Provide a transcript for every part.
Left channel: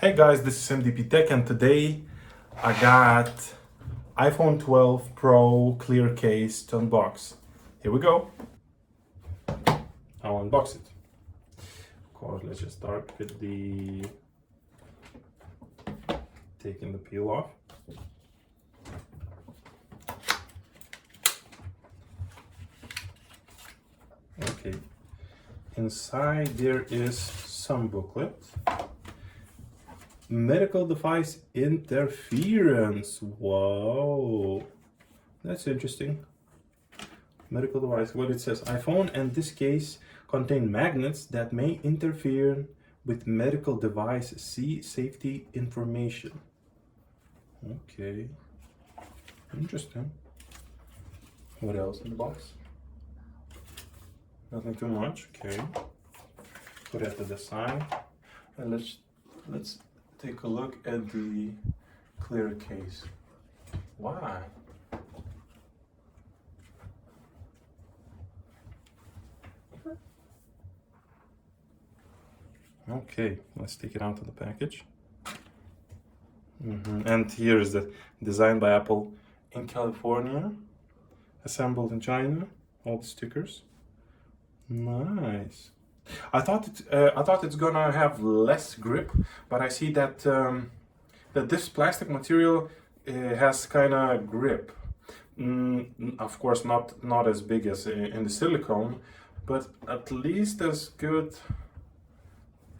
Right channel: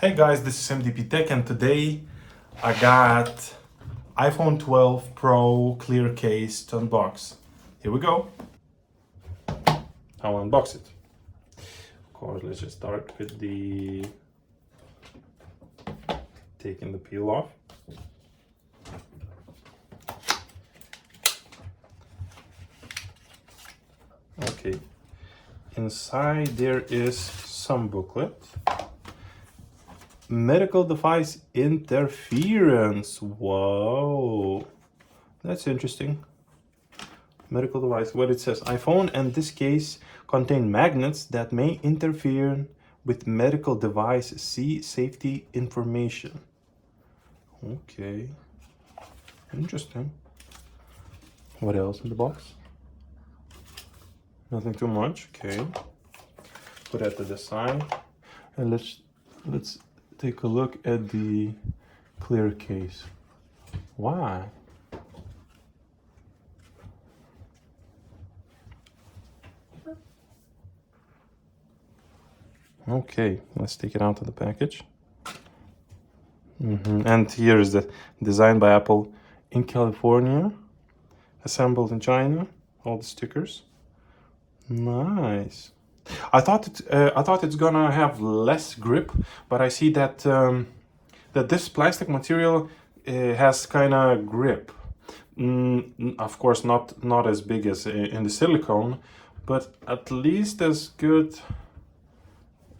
Hey guys, this is MDP Tech, and today I got iPhone 12 Pro clear case to unbox. Here we go. I'll unbox it. Of course, let's just start with taking the peel off. Okay, inside there is some booklet. Medical device interference. Whoa, that's interesting. Medical device. What it says: iPhone and this case contain magnets that may interfere with medical device. See safety information. Okay, interesting. What else in the box? Nothing too much. Okay, put it to the side, and let's take a look at the clear case. Why? Okay, let's take it out of the package. And here is the designed by Apple in California, assembled in China. All the stickers. Nice. I thought it's gonna have less grip, but I see that that this plastic material has kind of grip. Of course, not as big as in the silicone, but at least as good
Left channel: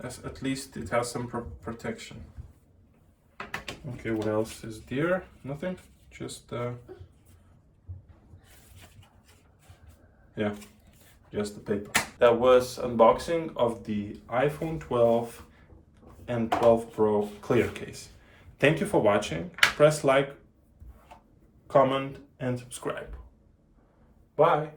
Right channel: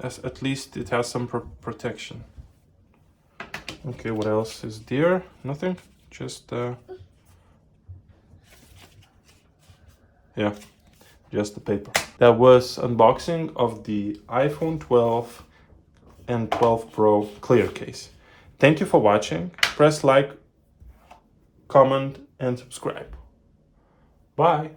as at least it has some protection. Okay, what else is there? Nothing. Just yeah. Just the paper. That was unboxing of the iPhone 12 and 12 Pro clear case. Thank you for watching. Press like, comment, and subscribe. Bye.